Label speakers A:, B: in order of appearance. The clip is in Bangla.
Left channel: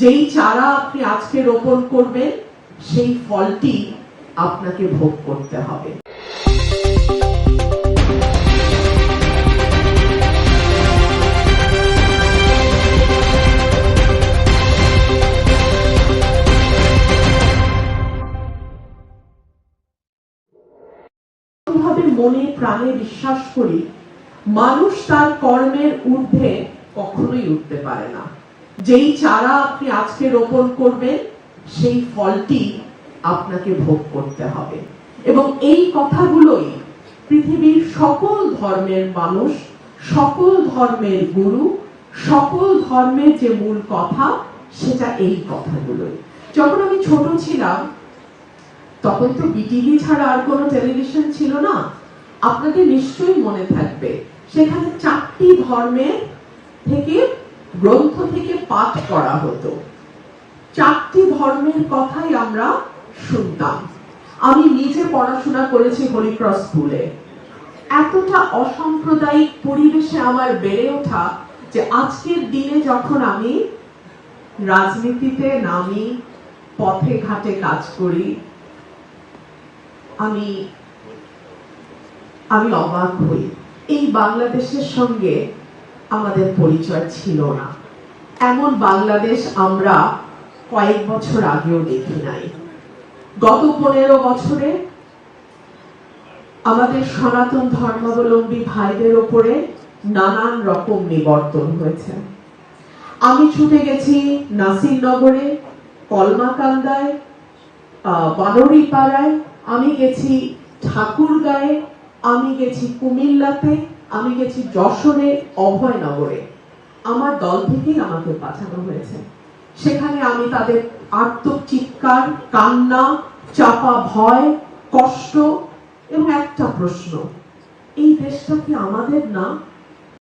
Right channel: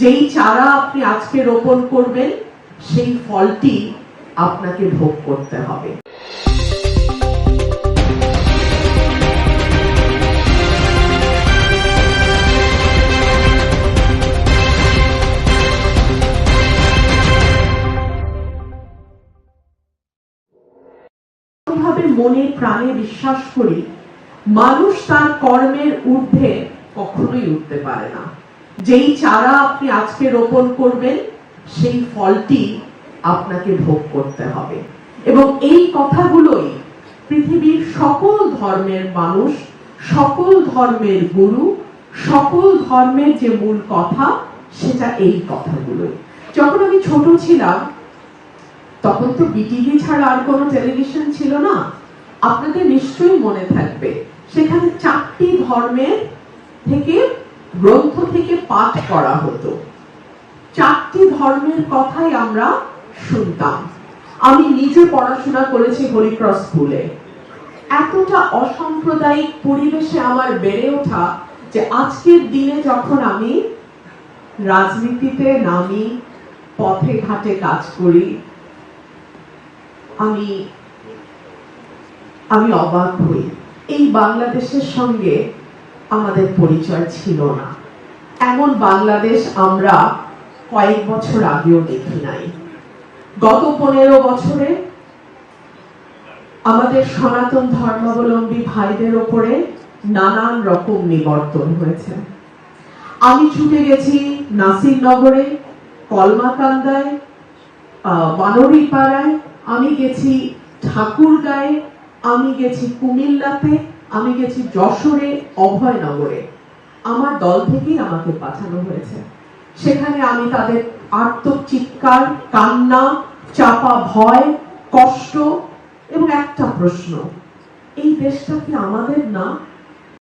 A: যেই চারা আপনি আজকে রোপণ করবেন, সেই ফলটি আপনাকে ভোগ করতে হবে। মনে প্রাণে বিশ্বাস করি, মানুষ তার কর্মের ঊর্ধ্বে কখনোই উঠতে পারে না। যেই চারা আপনি আজকে রোপণ করবেন, সেই ফলটি আপনাকে ভোগ করতে হবে। এবং এই কথাগুলোই পৃথিবীর সকল ধর্মের মানুষ, সকল ধর্মের গুরু, সকল ধর্মের যে মূল কথা, সেটা এই কথাগুলোই। যখন আমি ছোট ছিলাম, তখন তো বিটিভি ছাড়া আর কোনো টেলিভিশন ছিল না। আপনাদের নিশ্চয়ই মনে থাকবে, সেখানে চারটি ধর্মের থেকে গ্রন্থ থেকে পাঠ করা হতো। চারটি ধর্মের কথাই আমরা শুনতাম। আমি নিজে পড়াশোনা করেছি হরিক্রস স্কুলে। এতটা অসাম্প্রদায়িক পরিবেশে আমার বেড়ে ওঠা যে আজকের দিনে যখন আমি রাজনীতিতে নামি, পথে ঘাটে কাজ করি, আমি আমি অবাক হই। এই বাংলাদেশের সঙ্গে আমাদের পরিচয় ছিল না। এমন বাংলাদেশ আমরা কয়েক বছর আগেও দেখি নাই। গত পনেরো বছরে আমাদের সনাতন ধর্মাবলম্বী ভাইদের ওপরে নানান রকম নিবর্তন হয়েছে। আমি ছুটে গেছি নাসিরনগরে, কলমাকান্দায় বানরিপাড়ায়, আমি গেছি ঠাকুরগাঁয়ে, আমি গেছি কুমিল্লাতে আমি গেছি যশোরে অভয়নগরে আমার দল থেকেই আমাকে পাঠানো হয়েছে। সেখানে আমি তাদের আত্মচিৎকার, কান্না, চাপা ভয়, কষ্ট এবং একটা প্রশ্ন, এই দেশটা কি আমাদের না?